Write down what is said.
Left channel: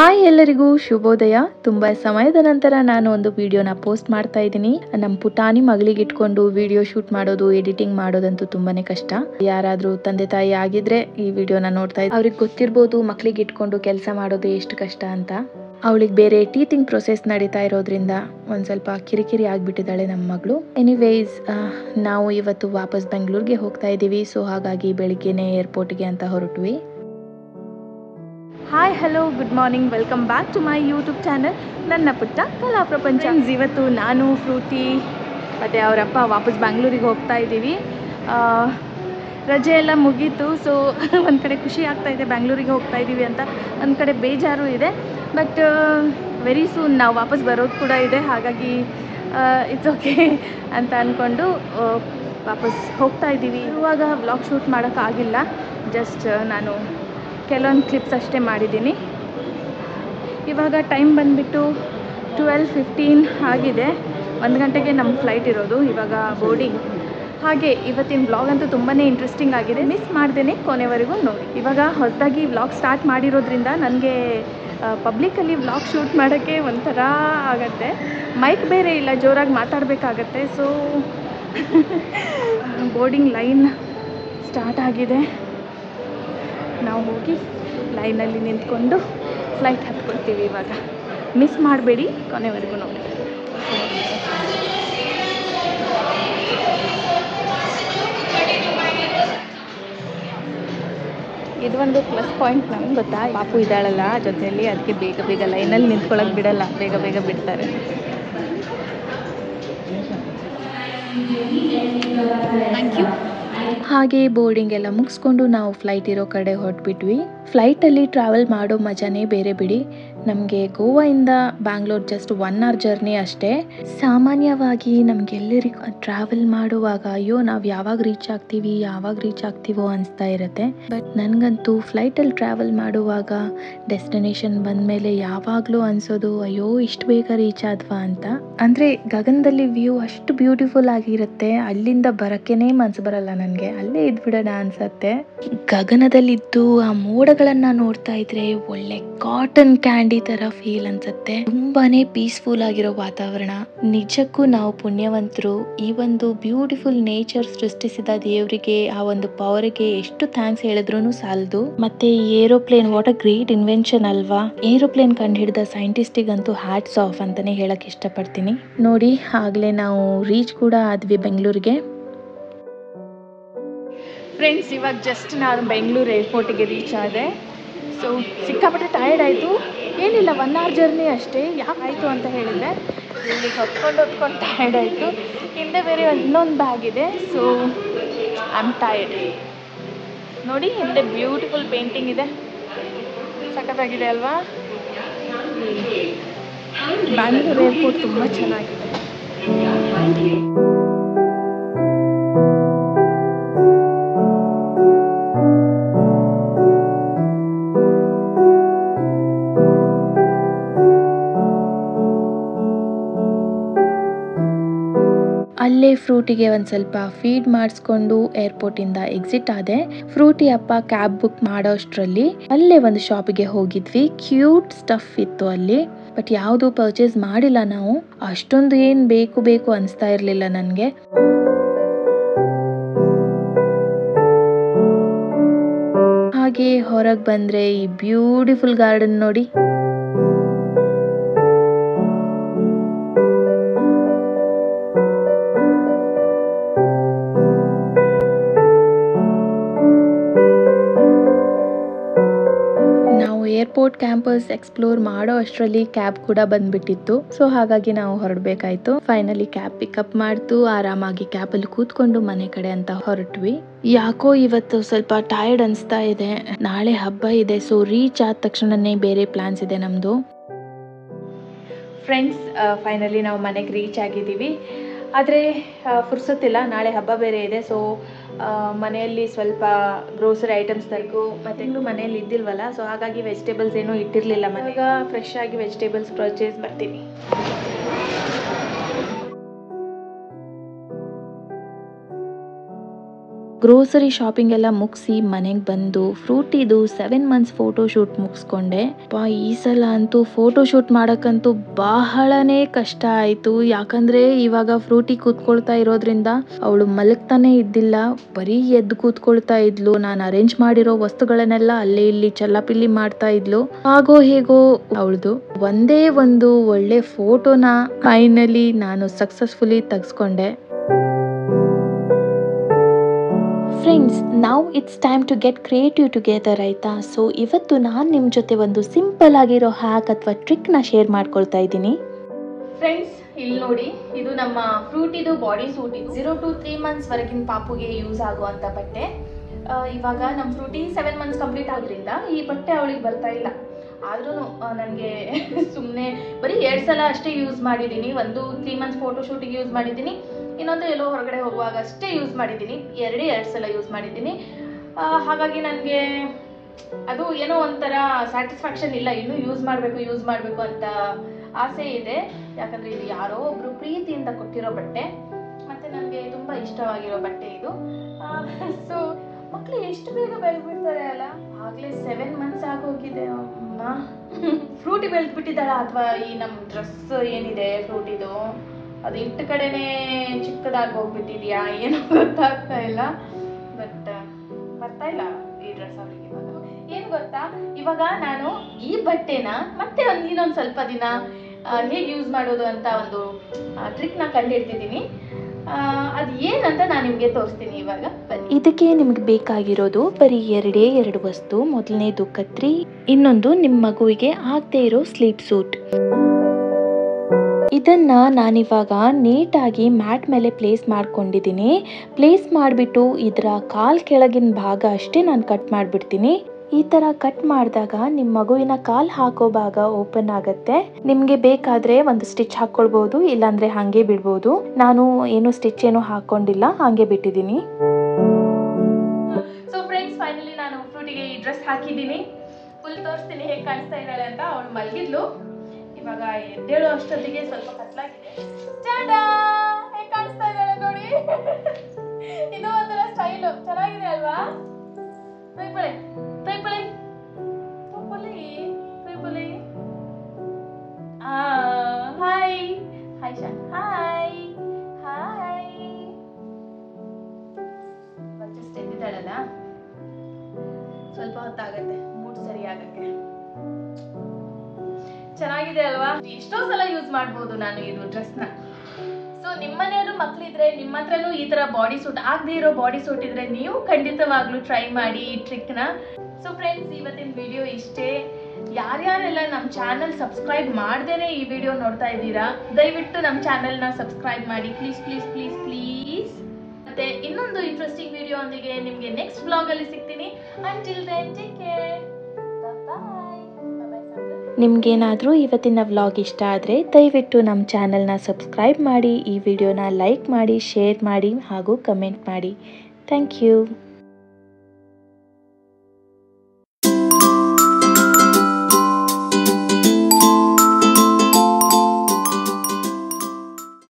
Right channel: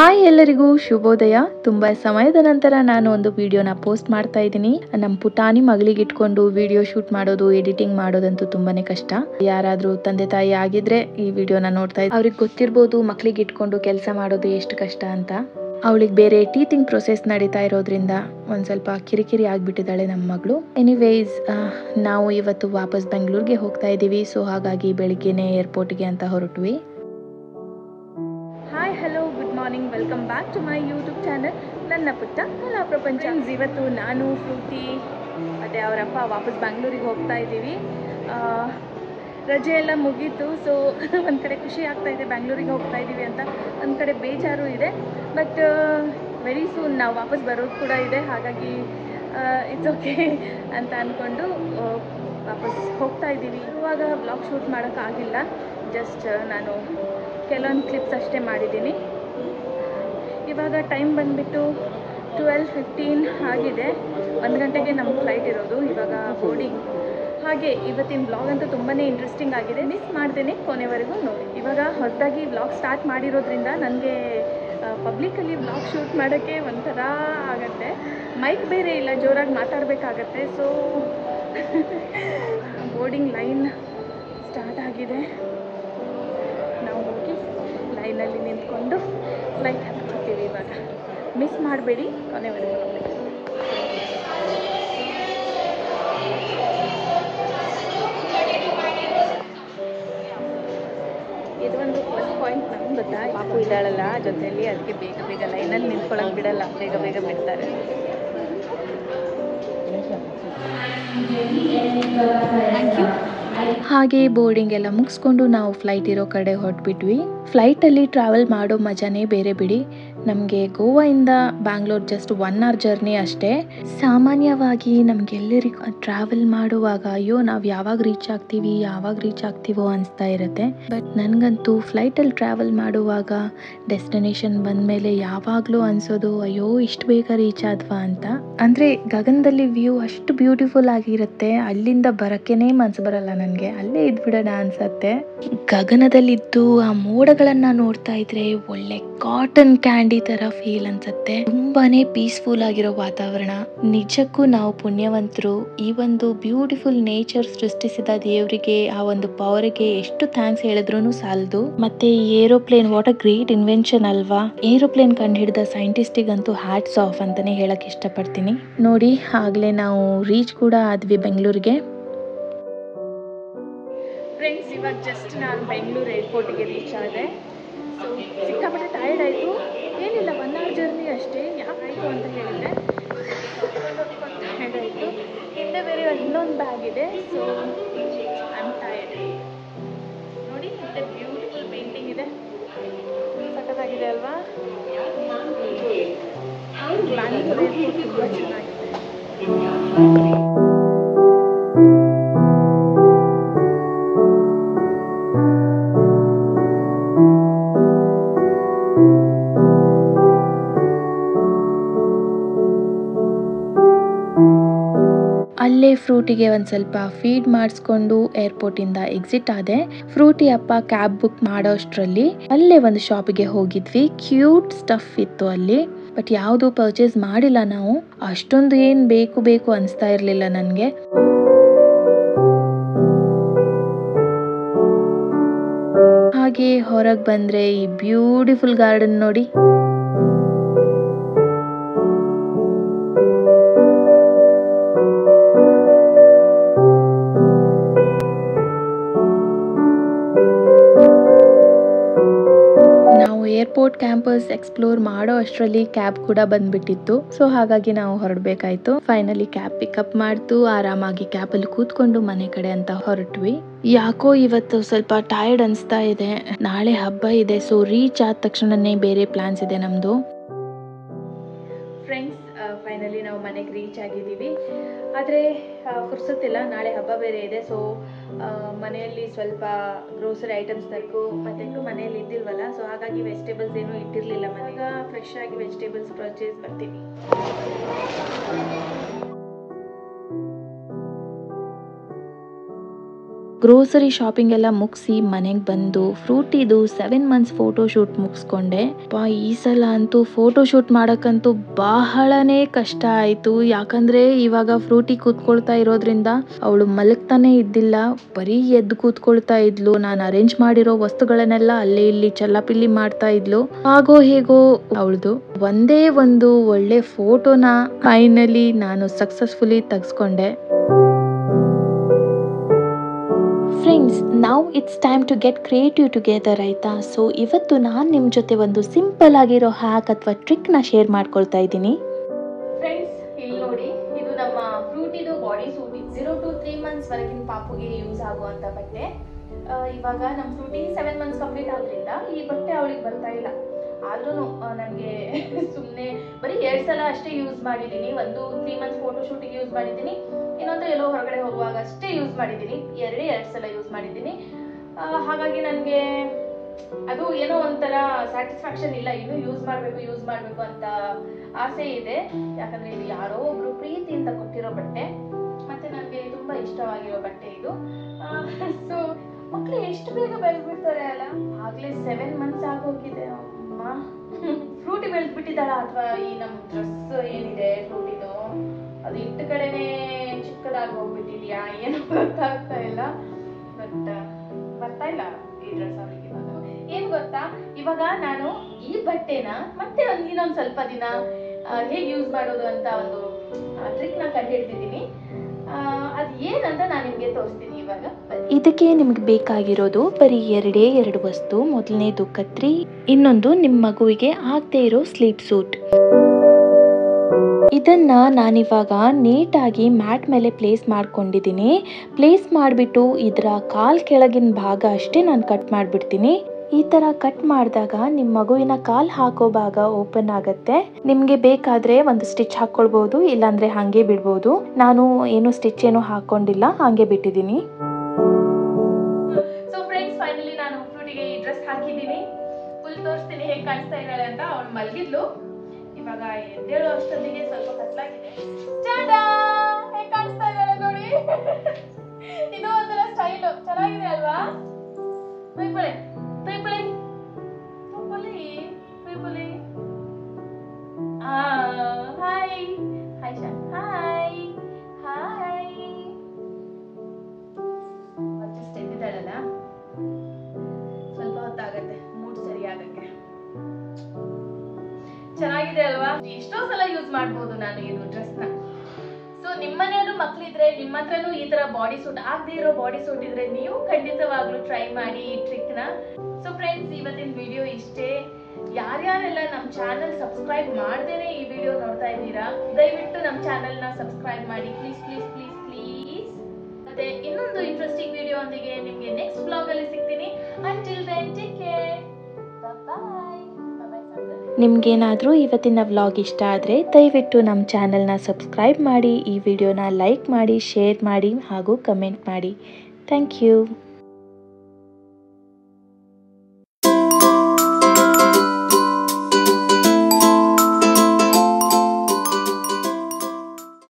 Hi ಎಲ್ಲರಿಗೂ ಶುಭೋದಯ. ತುಂಬ ಸಮಯದ ನಂತರ ನಾನು ಒಂದು ವಿಡಿಯೋನ ಪೋಸ್ಟ್ ಮಾಡ್ತಾ ಇದ್ದೀನಿ. ನಮ್ಮ ಪುಟಾಣಿ ಮಗಳಿಗೆ ಇಟ್ಕೊಂಡು ವಿಡಿಯೋ ಶೂಟ್ ಮಾಡೋದು, ಎಡಿಟಿಂಗ್ ಮಾಡೋದಂತೂ ತುಂಬಾನೇ ಕಷ್ಟ. ಯಾರಾದರೂ ತಂದೆ ತಾಯಿ ಆಗಿದ್ರೆ ಈ ವಿಡಿಯೋನ ನೋಡ್ತಾ ಇದ್ದಾರೆ, ಅವ್ರಿಗೆ ಗೊತ್ತಿರ್ಬೋದು ಮಕ್ಕಳಿಗೆ ಇಟ್ಕೊಂಡು ಕೆಲಸ ಮಾಡೋದು ಎಷ್ಟು ಕಷ್ಟ ಅಂತ. ಅವಳಿಗೆ ಬೇರೆ ಟೀಚಿಂಗ್ ಪ್ರೊಸೆಸ್ ನಡೀತಾ ಇರೋದ್ರಿಂದ ಒಂದು ಸ್ವಲ್ಪ ಕಿರಿಕಿರಿ ಆಗಿಬಿಟ್ಟಿದ್ದಾಳೆ ನಮ್ಮ ಮಗಳು. ಎನಿವೇಸ್ ನಾವು ಇವತ್ತು ವಾಪಸ್ ಬೆಂಗಳೂರಿಗೆ ಹೋಗ್ತಾ ಇದ್ದೀವಿ. ಸೊ ಹಾಗಾಗಿ ಬೆಳಿಗ್ಗೆನೆ ಏರ್ಪೋರ್ಟ್ಗೆ ಅಂತ ಹೊರಟ್ವಿ. Hi hello good morning, welcome back to my YouTube channel ನನ್ನ ಪುಟ್ಟ ಕಲಾ ಪ್ರಪಂಚ. ಇವತ್ತು ನಾನು ಫ್ರೂಟಿ ಮತ್ತು ಅವರಪ್ಪ ವಾಪಸ್ ಬ್ಯಾಂಗ್ಳೂರಿಗೆ ಹೋಗ್ತಾ ಇದ್ದೀವಿ. ರಜೆ ಎಲ್ಲ ಮುಗೀತು. ಸೊ ಒಂದು ಕಡೆ ಖುಷಿ ಆಗ್ತಾ ಇದೆ ಬ್ಯಾಂಗ್ಳೂರಿಗೆ ಹೋಗ್ತಾ ಇದ್ದೀವಿ ಅಂತ, ಒಂದು ಕಡೆ ಬೇಜಾರು ಇದೆ. ಬಟ್ ವೆರಿ ಸೂನ್ ನಾವು ವಾಪಸ್ ಬರೋದು ಕೂಡ ಇದೆ. ಹಾಗಾಗಿ ಇಟ್ಸ್ ಓಕೆ ಅಂತ ಅಂದ್ಕೊಂಡು ವಾಪಸ್ ಹೋಗ್ತಾ ಇದ್ದೀವಿ. ಇವಾಗ ವ್ಲಾಗ್ ಶೂಟ್ ಮಾಡೋಕ್ಕಾಗಿಲ್ಲ, ಜಸ್ಟ್ ನಾನು ಕೆಲವೊಂದು ಕ್ಲಿಪ್ಸ್ ಅಷ್ಟೇ ಮಾಡಿದ್ದೀನಿ. ಇವಾಗ ಟೈಮ್ ಬಂದುಬಿಟ್ಟು 12:15 ಆಗಿದೆ. 1 ಗಂಟೆಗೆ ನಮ್ಮ ಫ್ಲೈಟ್ ಇರೋದು, ಇವಾಗ ಬೋರ್ಡಿಂಗ್. ಹಾಗೆ ಇವತ್ತಿನ ವ್ಲಾಗ್ ಅಂತೂ ತುಂಬಾ ಇಂಟ್ರೆಸ್ಟಿಂಗ್ ಆಗಿದೆ, ಮಿಸ್ ಮಾಡ್ದೇನೆ ಕೊನೆವರೆಗೂ ನೋಡಿ. ಇವಾಗ ಹೊಸದಾಗಿ ವ್ಲಾಗ್ ಸ್ಟಾರ್ಟ್ ಮಾಡಿರೋದ್ರಿಂದ ನನಗೆ ಪಬ್ಲಿಕಲ್ಲಿ ವ್ಲಾಗ್ ಶೂಟ್ ಮಾಡೋಕ್ಕೆ ಒಂಥರ ಆಗುತ್ತೆ. ಮೈಕ್ ಬೇರೆ ಇಲ್ಲ, ಜೋರಾಗಿ ಮಾತಾಡಬೇಕಾಗತ್ತೆ. ಸೊ ಬೋರ್ಡಿಂಗ್ ಲೈನ್ ಸ್ಟಾರ್ಟ್ ಆಗಿದೆ. ನಾವು ಹೋಗಿ ಲೈನಲ್ಲಿ ನಿಂತ್ಕೊಂಡು ಫ್ಲೈಟ್ ಹತ್ಕೊಳ್ತೀವಿ. ಇವಾಗ ಮಿಸ್ ಮಾಡಬೇಡಿ, ಕೊನೆವರೆಗೂ ನೋಡಿ. ಇದೊಂದು ಪ್ಲಸ್ ಪಾಯಿಂಟ್ ನಮ್ಗೆ ಗೊತ್ತಾ, ಪಾಪು ಇದ್ದಾಳಲ್ಲ ಜೊತೆಯಲ್ಲಿ, ಅದಕ್ಕೆ ಬೇಗ ಬೇಗ ಲೈನಲ್ಲಿ ನಿಂತ್ಕೊಳ್ಳೋಕೆ ಬಿಡಲ್ಲ, ಬೇಗ ಬೇಗ ಬಿಡ್ತಾರೆ. Thank you. ಹಾಗೆ ಬೋರ್ಡಿಂಗ್ ಎಲ್ಲ ಮುಗಿಸ್ಕೊಂಡು ನಾವು ಫ್ಲೈಟ್ ಇರೋ ಕಡೆ ಹೊರಟ್ಬಿಟ್ವಿ. ಫ್ಲೈಟಲ್ಲಿ ಟ್ರಾವೆಲ್ ಮಾಡೋ ಮಜಾನೇ ಬೇರೆ ಬಿಡಿ. ನಮಗೆ ಗೋವಾಯಿಂದ ಬ್ಯಾಂಗ್ಳೂರ್ ಜಸ್ಟ್ 1 hour ಜರ್ನಿ ಅಷ್ಟೇ. ಸಾಮಾನ್ಯವಾಗಿ ನಮಗೆಲ್ಲರಿಗೂ ಟ್ರಾವೆಲ್ ಮಾಡುವಾಗ ಅಯ್ಯೋ ನಾವು ಯಾವಾಗ ರೀಚ್ ಆಗ್ತೀವೋ ಅನಿಸ್ತಾ ಇರುತ್ತೆ. ಬಟ್ ನನಗಂತೂ ಫ್ಲೈಟಲ್ಲಿ ಟ್ರಾವೆಲ್ ಮಾಡುವಾಗ ಡೆಸ್ಟಿನೇಷನ್ ಬಂದಮೇಲೆ ಯಾವಾಗಲೂ ಅನಿಸೋದು ಅಯ್ಯೋ ಇಷ್ಟು ಬೇಗ ರೀಚ್ ಆದ್ವಾ ಅಂತ. ಅಂದರೆ ಗಗನದಲ್ಲಿ ವ್ಯೂ ಅಷ್ಟು ಬ್ಯೂಟಿಫುಲ್ ಆಗಿರುತ್ತೆ, ಅಲ್ಲಿಂದ ಬರೋಕ್ಕೇನೆ ಮನಸ್ಸು ಬರಲ್ಲ ನನಗೆ, ಅಲ್ಲೇ ಇದ್ಬಿಡೋಣ ಅನ್ಸತ್ತೆ. ಗಗನದಲ್ಲಿದ್ದು ಆ ಮೋಡಗಳನ್ನ ನೋಡ್ತಾ ಇದ್ರೆ ಒಳ್ಳೆ ಕಾಟನ್ ಕ್ಯಾಂಡಿ ತರ ಫೀಲ್ ಅನ್ಸತ್ತೆ. ತುಂಬಾನೇ ಪೀಸ್ಫುಲ್ ಆಗಿರೋ ವಾತಾವರಣ. ನಿಜಕ್ಕೂ ನಾವು ಪುಣ್ಯವಂತರು. ಈ ಒಂದು ಬ್ಯೂಟಿಫುಲ್ ನೇಚರ್ ಸೃಷ್ಟಿಸಿದ ದೇವರಿಗೆ, ಆ ಒಂದು ಪವರ್ಗೆ ಎಷ್ಟು ಥ್ಯಾಂಕ್ಸ್ ಹೇಳಿದ್ರು ಸಾಲದು. ಮತ್ತೆ ಈ aeroplane what a great invention ಅಲ್ವಾ. ಏರೋಪ್ಲೇನ್ ಕಂಡು ಹಿಡಿದ ಸೈಂಟಿಸ್ಟಿಗಂತೂ ಹ್ಯಾಟ್ಸ್ ಆಫ್ ಅಂತಾನೆ ಹೇಳಕ್ ಇಷ್ಟಪಡ್ತೀನಿ. ನೋಡಿ ಆಗ್ಲೇ ನಾವು ರೀಚ್ ಕೂಡ ಆದ್ವಿ ಬೆಂಗಳೂರಿಗೆ. ಫ್ರೆಂಡ್ಸ್, ಇವಾಗ ಜಸ್ಟ್ ನಾನು ಬೆಂಗಳೂರು ಏರ್ಪೋರ್ಟಿಗೆ ರೀಚ್ ಆದೆ. ಸೊ ಸಿಕ್ಕಾಪಟ್ಟೆ ಟಯರ್ಡ್ ಆಯಿತು. ಏನಿಲ್ಲ 1 hour ಜರ್ನಿ ಅಷ್ಟೇ. ಯಾಕೆ ಆಯಿತು ಅಂತ ಹೇಳಿದರೆ, ಇಲ್ಲಿ ಹೊತ್ಕೊಂಡು ಟಯರ್ಡ್ ಆಯಿತು. ಹಿಂದೆ ಬೇರೆ ಇನ್ನೊಂದು ಬ್ಯಾಗ್ ಇದೆ. So I am tired. ನೋಡಿ ಹಿಂದೆ ಬ್ಯೂಟಿಫುಲ್ ಪೇಂಟಿಂಗ್ ಇದೆ, ಸಖತ್ತಾಗಿದೆ ಅಲ್ವಾ. ಬ್ಯಾಂಗ್ಳೂರು ಏರ್ಪೋರ್ಟ್ ತುಂಬ ಚೆನ್ನಾಗಿದೆ. ಅಲ್ಲೇ ಫ್ರೂಟಿಗೆ ಒಂದು ಸ್ವಲ್ಪ ಫೀಡ್ ಮಾಡಿಸ್ಕೊಂಡು ಏರ್ಪೋರ್ಟಿಂದ ಎಕ್ಸಿಟ್ ಆದೆ. ಫ್ರೂಟಿ ಅಪ್ಪ ಕ್ಯಾಬ್ ಬುಕ್ ಮಾಡೋಷ್ಟರಲ್ಲಿ ಅಲ್ಲೇ ಒಂದು ಶಾಪಿಗೆ ಹೋಗಿದ್ವಿ. ಕ್ಯೂಟ್ ಸ್ಟಫ್ ಇತ್ತು ಅಲ್ಲಿ, ಬಟ್ ಯಾವುದು ಪರ್ಚೇಸ್ ಮಾಡಿಲ್ಲ ನಾವು. ಅಷ್ಟೊಂದು ಏನು ಬೇಕು ಅನಿಸ್ತಾ ಇರಲಿಲ್ಲ ನನಗೆ. ಹಾಗೆ ಹೊರಗೆ ಬಂದರೆ ಈ ಬ್ಯೂಟಿಫುಲ್ ಗಾರ್ಡನ್ ನೋಡಿ. ಏರ್ಪೋರ್ಟ್ ಕ್ಯಾಂಪಸ್ ಎಕ್ಸ್ಪ್ಲೋರ್ ಮಾಡೋ ಅಷ್ಟರಲ್ಲಿ ಕ್ಯಾಬ್ ಕೂಡ ಬಂದ್ಬಿಟ್ಟಿತ್ತು. ಸೊ ಹಾಗಾಗಿ ನಾವು ಹೊರಡಬೇಕಾಯ್ತು. ಫೈನಲಿ ಕ್ಯಾಬ್ ಪಿಕಪ್ ಮಾಡ್ತು, ಆರಾಮಾಗಿ ಕ್ಯಾಬಲ್ಲಿ ಕೂತ್ಕೊಂಡು ಮನೆ ಕಡೆ ಅಂತ ಹೊರಟ್ವಿ. ಯಾಕೋ ಇವತ್ತು ಸ್ವಲ್ಪ ಟಯರ್ಡ್ ಅನಿಸ್ತಾ ಇದೆ. ನಾಳೆ ಹಬ್ಬ ಇದೆ. ಸೊ ರೀಚ್ ಆದ ತಕ್ಷಣನೇ ಬೇರೆ ಪ್ಲಾನ್ಸ್ ಇದೆ ನಮ್ದು. ಫ್ರೆಂಡ್ಸ್, ಫೈನಲಿ ನಾವು ಮನೆಗೆ ರೀಚ್ ಆಗಿದ್ದೀವಿ. ಆದರೆ ಫುರ್ಸೊತ್ತಿಲ್ಲ, ನಾಳೆ ಹಬ್ಬ ಬೇರೆ ಇದೆ. ಸೊ ಮನೆಯಲ್ಲಿ ಸ್ವಲ್ಪ ಗ್ರೋಸರಿ ಐಟಮ್ಸ್ ತರಕು, ಮತ್ತು ಮನೆಯಲ್ಲಿ ಇದ್ದಿಲ್ವಲ್ಲ, ಸೊ ಹಾಗಾಗಿ ವೆಜಿಟೇಬಲ್ಸ್ ಏನೂ ಇಟ್ಟಿರಲಿಲ್ಲ. ಮನೆಗೆ ಫ್ರೆಶ್ ಆಗಿ ವೆಜಿಟೇಬಲ್ಸ್ ಪರ್ಚೇಸ್ ಬರ್ತೀನಿ. ಗ್ರೋಸರಿ ಶಾಪಿಂಗ್ ಎಲ್ಲ ಮುಗಿಸಿ ಮನೆಗೆ ಬಂದು ಫ್ರೂಟಿದು 7 ಮಂತ್ಸ್ ಫೋಟೋ ಶೂಟ್ ಮುಗಿಸ್ಕೊಂಡೆ. ಈ ಸಲ ಅಂತೂ ಫೋಟೋ ಶೂಟ್ ಮಾಡೋಕ್ಕಂತೂ ಬಹಳನೇ ಕಷ್ಟ ಆಯಿತು. ಯಾಕಂದರೆ ಇವಾಗ ಫ್ರೂಟಿ ಕೂತ್ಕೊಳ್ತಾ ಇರೋದ್ರಿಂದ ಅವಳು ಮಲಗ್ತಾನೆ ಇದ್ದಿಲ್ಲ, ಬರೀ ಎದ್ದು ಕೂತ್ಕೊಳ್ತಾ ಇದ್ಲು. ನಾನು ಅರೇಂಜ್ ಮಾಡಿರೋ ವಸ್ತುಗಳನ್ನೆಲ್ಲ ಅಲ್ಲೇ ಇಲ್ಲಿ ಚಲ್ಲಾಪಿಲ್ಲಿ ಮಾಡ್ತಾ ಇದ್ಲು. ಹಾಗೋ ಹೇಗೋ ಅವಳದು ಒಂದೇ ಒಂದು ಒಳ್ಳೆ ಫೋಟೋನ ಫೈನಲಿ ನಾನು ಸಕ್ಸಸ್ಫುಲಿ ತೆಗೆಸ್ಕೊಂಡೆ. ಫ್ರೆಂಡ್ಸ್, ನಾವು it's time to get creative together ಆಯಿತಾ. ಸೊ ಇವತ್ತು ನಾನು ನಿಮ್ಮ ಜೊತೆ ಒಂದು ಸಿಂಪಲ್ ಆಗಿರೋ ಹ್ಯಾಕ್ ಅಥವಾ ಟ್ರಿಕ್ನ ಶೇರ್ ಮಾಡ್ಕೊಳ್ತಾ ಇದ್ದೀನಿ. ಫ್ರೆಂಡ್ಸ್, ಇಲ್ಲಿ ನೋಡಿ, ಇದು ನಮ್ಮ ಫ್ರೂಟಿದು ಬಾಡಿ ಸೂಟ್. 0 to 3 months ವರೆಗಿನ ಪಾಪುಗೆ ಯೂಸ್ ಆಗುವಂಥ ಬಟ್ಟೆ. ಇವಾಗ ನಮ್ಮ ಫ್ರೂಟಿ 7 ಮಂತ್ಸ್ ಕಂಪ್ಲೀಟ್ ಆಗೋದ್ರಿಂದ ಈ ಬಟ್ಟೆ ಅವಳಿಗೆ ಬರ್ತಾ ಇಲ್ಲ. ಆದ್ರೂ ನನಗೆ ಸುಮ್ಮನೆ ಬರೀ 2 ಸಲ ಅಷ್ಟೇ ಯೂಸ್ ಮಾಡಿದ್ದೀನಿ. ಒಂದು 3 ಮಂತ್ಸ್ ಫೋಟೋ ಶೂಟಿಗೆ ಯೂಸ್ ಮಾಡಿದ್ದೀನಿ, ಇನ್ನೊಂದು ಎಲ್ಲೋ ಹೊರಗಡೆ ಹೋಗುವಾಗ ಅಷ್ಟೇ ಯೂಸ್ ಮಾಡಿದ್ದೀನಿ. 2 ಸಲ ಯೂಸ್ ಮಾಡಿದ್ದೀನಿ. ಹಾಗಾಗಿ ನನಗೆ ಅದು ಏನೋ ಒಂಥರ ಸ್ಯಾಟಿಸ್ಫ್ಯಾಕ್ಷನ್ ಇಲ್ಲ. ಇನ್ನೂ ಯೂಸ್ ಮಾಡಬೇಕು ಅಂತ ಆಸೆ ಇದೆ. ಯಾಕಂದರೆ ಇದು ಯಾರೋ ಒಬ್ಬರು ಪ್ರೀತಿಯಿಂದ ಕೊಟ್ಟಿರೋ ಬಟ್ಟೆ, ಮತ್ತು ನನಗೆ ತುಂಬ ಇಷ್ಟವಾಗಿರೋ ಬಟ್ಟೆ ಇದು. ಸೊ ಮಕ್ಕಳು ಎಷ್ಟು ಬೇಗ ಬೆಳೆದ್ಬಿಡ್ತಾರೆ ಅಲ್ಲ. ಆಗಲೇ 7 ಮಂತ್ಸ್ ಆಗೋಗಿದೆ. ಅಮ್ಮ ಫ್ರೂಟಿ ಬೆಳೆದ್ಬಿಟ್ಟಿದ್ದಾಳ, ಅಥವಾ ಈ ನಮ್ಮ ಡ್ರೆಸ್ ಏನಿದೆ ಫ್ರೂಟಿದು ಅದು ಇಟ್ಟ ಕಡೆನೇ ಚಿಕ್ಕದಾಗಿ ಹೋಗ್ಬಿಟ್ಟಿದ್ಯಾ ಏನೋ ಗೊತ್ತಾಗ್ತಾ ಇಲ್ಲ. ಬಟ್ ಬರ್ತಾ ಇಲ್ಲ ಈ ಡ್ರೆಸ್ ಅವಳಿಗೆ. ಏನು ಗೊತ್ತಾ, ಇವಾಗ ನಾನು ಈ ಬಟ್ಟೆನ ಮತ್ತೆ ಇನ್ನೊಂದು ಸ್ವಲ್ಪ ದಿನ ಹೇಗೆ ಯೂಸ್ ಮಾಡೋದು ಅಂತ ಒಂದು ಟ್ರಿಕ್ನ ಕಂಡುಹಿಡ್ತಿದ್ದೀನಿ. ಅದು ಏನಂತ ನಾನು ನಿಮಗೆ ತೋರಿಸ್ತೀನಿ ಇವಾಗ. ಇದಕ್ಕೆ ನಿಮ್ಗೆ ಬೇಕಾಗಿರೋದು ಬರೀ 2 ವಸ್ತು. ಮೊದಲನೇದು ಕತ್ರಿ, ಇನ್ನೊಂದು ನಿಮ್ಮ ಮಗುವಿಗೆ ಆಗದೆ ಇರೋ ಸ್ಲೀಪ್ ಸೂಟ್. ಇದನ್ನು ನಾನಿವಾಗ ನೀಟಾಗಿ ಮ್ಯಾಟ್ ಮೇಲೆ ಪ್ಲೇಸ್ ಮಾಡ್ಕೊಂಡಿದ್ದೀನಿ. ಪ್ಲೇಸ್ ಮಾಡಿಬಿಟ್ಟು ಇದರ ಕಾಲು ಕೆಳಗಿನ ಭಾಗ ಅಷ್ಟೇ ನಾನು ಕಟ್ ಮಾಡಿಬಿಡ್ತೀನಿ. ಈ ಥರ ಕಟ್ ಮಾಡಿದಾಗ ನಿಮ್ಮ ಮಗುವಿನ ಕಾಲು ಹಾಕೋ ಭಾಗ ಓಪನ್ ಆಗುತ್ತೆ. ನಿಮಗೆ ಬೇಕಾದರೆ ಒಂದು ಸ್ಟಿಚ್ ಹಾಕ್ಕೊಳ್ಬೋದು, ಇಲ್ಲಾಂದರೆ ಹಾಗೆ ಬಿಡ್ಬೋದು. ನಾನು ಏನು ಸ್ಟಿಚ್ ಏನು ಹಾಕ್ಕೊಂಡಿಲ್ಲ, ಹಾಗೆ ಬಿಟ್ಟಿದ್ದೀನಿ. ಸೊ ಫ್ರೆಂಡ್ಸ್, ಫೈನಲಿ ನಾನು ಫ್ರೂಟಿಗೆ ಈ ಡ್ರೆಸ್ ಹಾಕಿದ್ದೀನಿ. ಫುಲ್ ತೋರಿಸ್ತೀನಿ ಹೇಗೆ ಕಾಣಿಸ್ತಾ ಇದ್ದಾಳೆ ಅಂತ. ಅವಳು ಮಲಗಿದ್ಲು, ಇವಾಗ ಎದ್ದೇಳೋ ಅಷ್ಟೊತ್ತಿಗೆ ಸ್ವಲ್ಪ ಕತ್ಲಾಗಿದೆ. ಚಾಡಾ, ಹೇಗೆ ಕಾಣಿಸ್ತಾ ಇದ್ದಾಳೆ ನೋಡಿ. ಇದು ಒಂಥರ ಸ್ಟೈಲು, ಚೆನ್ನಾಗಿದೆ ಅಲ್ವಾ? ತೊಯ್ಪಳೆ ತೊಯ್ಪಳೆ ತೊಯ್ಪಲೆ ತೊಯ್ಪಲೆ. ಹಾಯ್ ಹಾಯ್ ಶಾನ್, ಹಾಯ್ ಹಾಯ್. ಜಸ್ಟ್ ಎದ್ದಿದ್ದಾಳಲ್ಲ, ಸ್ವಲ್ಪ ಹೊತ್ತಾಗತ್ತೆ ಮೂಡ್ ಸರಿ ಆಗಕ್ಕೆ. ಚೆನ್ನಾಗಿದೆ ಅಲ್ವಾ? ಎಷ್ಟೋ ಸಲ ಯೂಸ್ ಮಾಡ್ಬೋದು ನಾನು ಇದು ಡ್ರೆಸ್ನ. ಸೊ ನಿಮ್ಮನೆಯಲ್ಲೂ ಮಕ್ಕಳಿದ್ರೆ, ನಿಮ್ಮ ಹತ್ರನೂ ಈ ತರ ಬಾಡಿ ಸೂಟ್ ಆಗದೆ ಇರೋ ಬಾಡಿ ಸೂಟ್ ಇದ್ರೆ ನೀವು ಖಂಡಿತವಾಗ್ಲೂ ಟ್ರೈ ಮಾಡಿ ಈ ಟ್ರಿಕ್ನ. ಸೊ ಫ್ರೆಂಡ್ಸ್, ಇವತ್ತಿನ ವಿಡಿಯೋ ಇಷ್ಟೇ. ಯಾರ್ಯಾರೆಲ್ಲ ನಮ್ಮ ಚಾನಲ್ ಸಬ್ಸ್ಕ್ರೈಬ್ ಮಾಡ್ದೇನೆ ಈ ವಿಡಿಯೋ ನೋಡ್ತಾ ಇದ್ದೀರಾ, ದಯವಿಟ್ಟು ನಮ್ಮ ಚಾನಲ್ನ ಸಬ್ಸ್ಕ್ರೈಬ್ ಮಾಡಿ ಪ್ಲೀಸ್ ಪ್ಲೀಸ್ ಪ್ಲೀಸ್ ಪ್ಲೀಸ್. ಮತ್ತೆ ಇನ್ನೊಂದು ಇಂಟ್ರೆಸ್ಟಿಂಗ್ ವಿಡಿಯೋ ಒಂದಿಗೆ ನಿಮಗೆ ನೆಕ್ಸ್ಟ್ ವ್ಲಾಗಲ್ಲಿ ಸಿಗ್ತೀನಿ. ಅಂಟಿಲ್ ದೆನ್ ಟೇಕ್ ಕೇರ್, ಬಾಯ್. ನಿಮಗೇನಾದರೂ ಇವತ್ತಿನ ವ್ಲಾಗ್ ಇಷ್ಟ ಆದರೆ ದಯವಿಟ್ಟು ನಮ್ಮ ಚಾನಲ್ನ ಸಬ್ಸ್ಕ್ರೈಬ್ ಮಾಡಿ, ಈ ವಿಡಿಯೋನ ಲೈಕ್ ಮಾಡಿ, ಶೇರ್ ಮಾಡಿ ಹಾಗೂ ಕಮೆಂಟ್ ಮಾಡಿ. Thank you.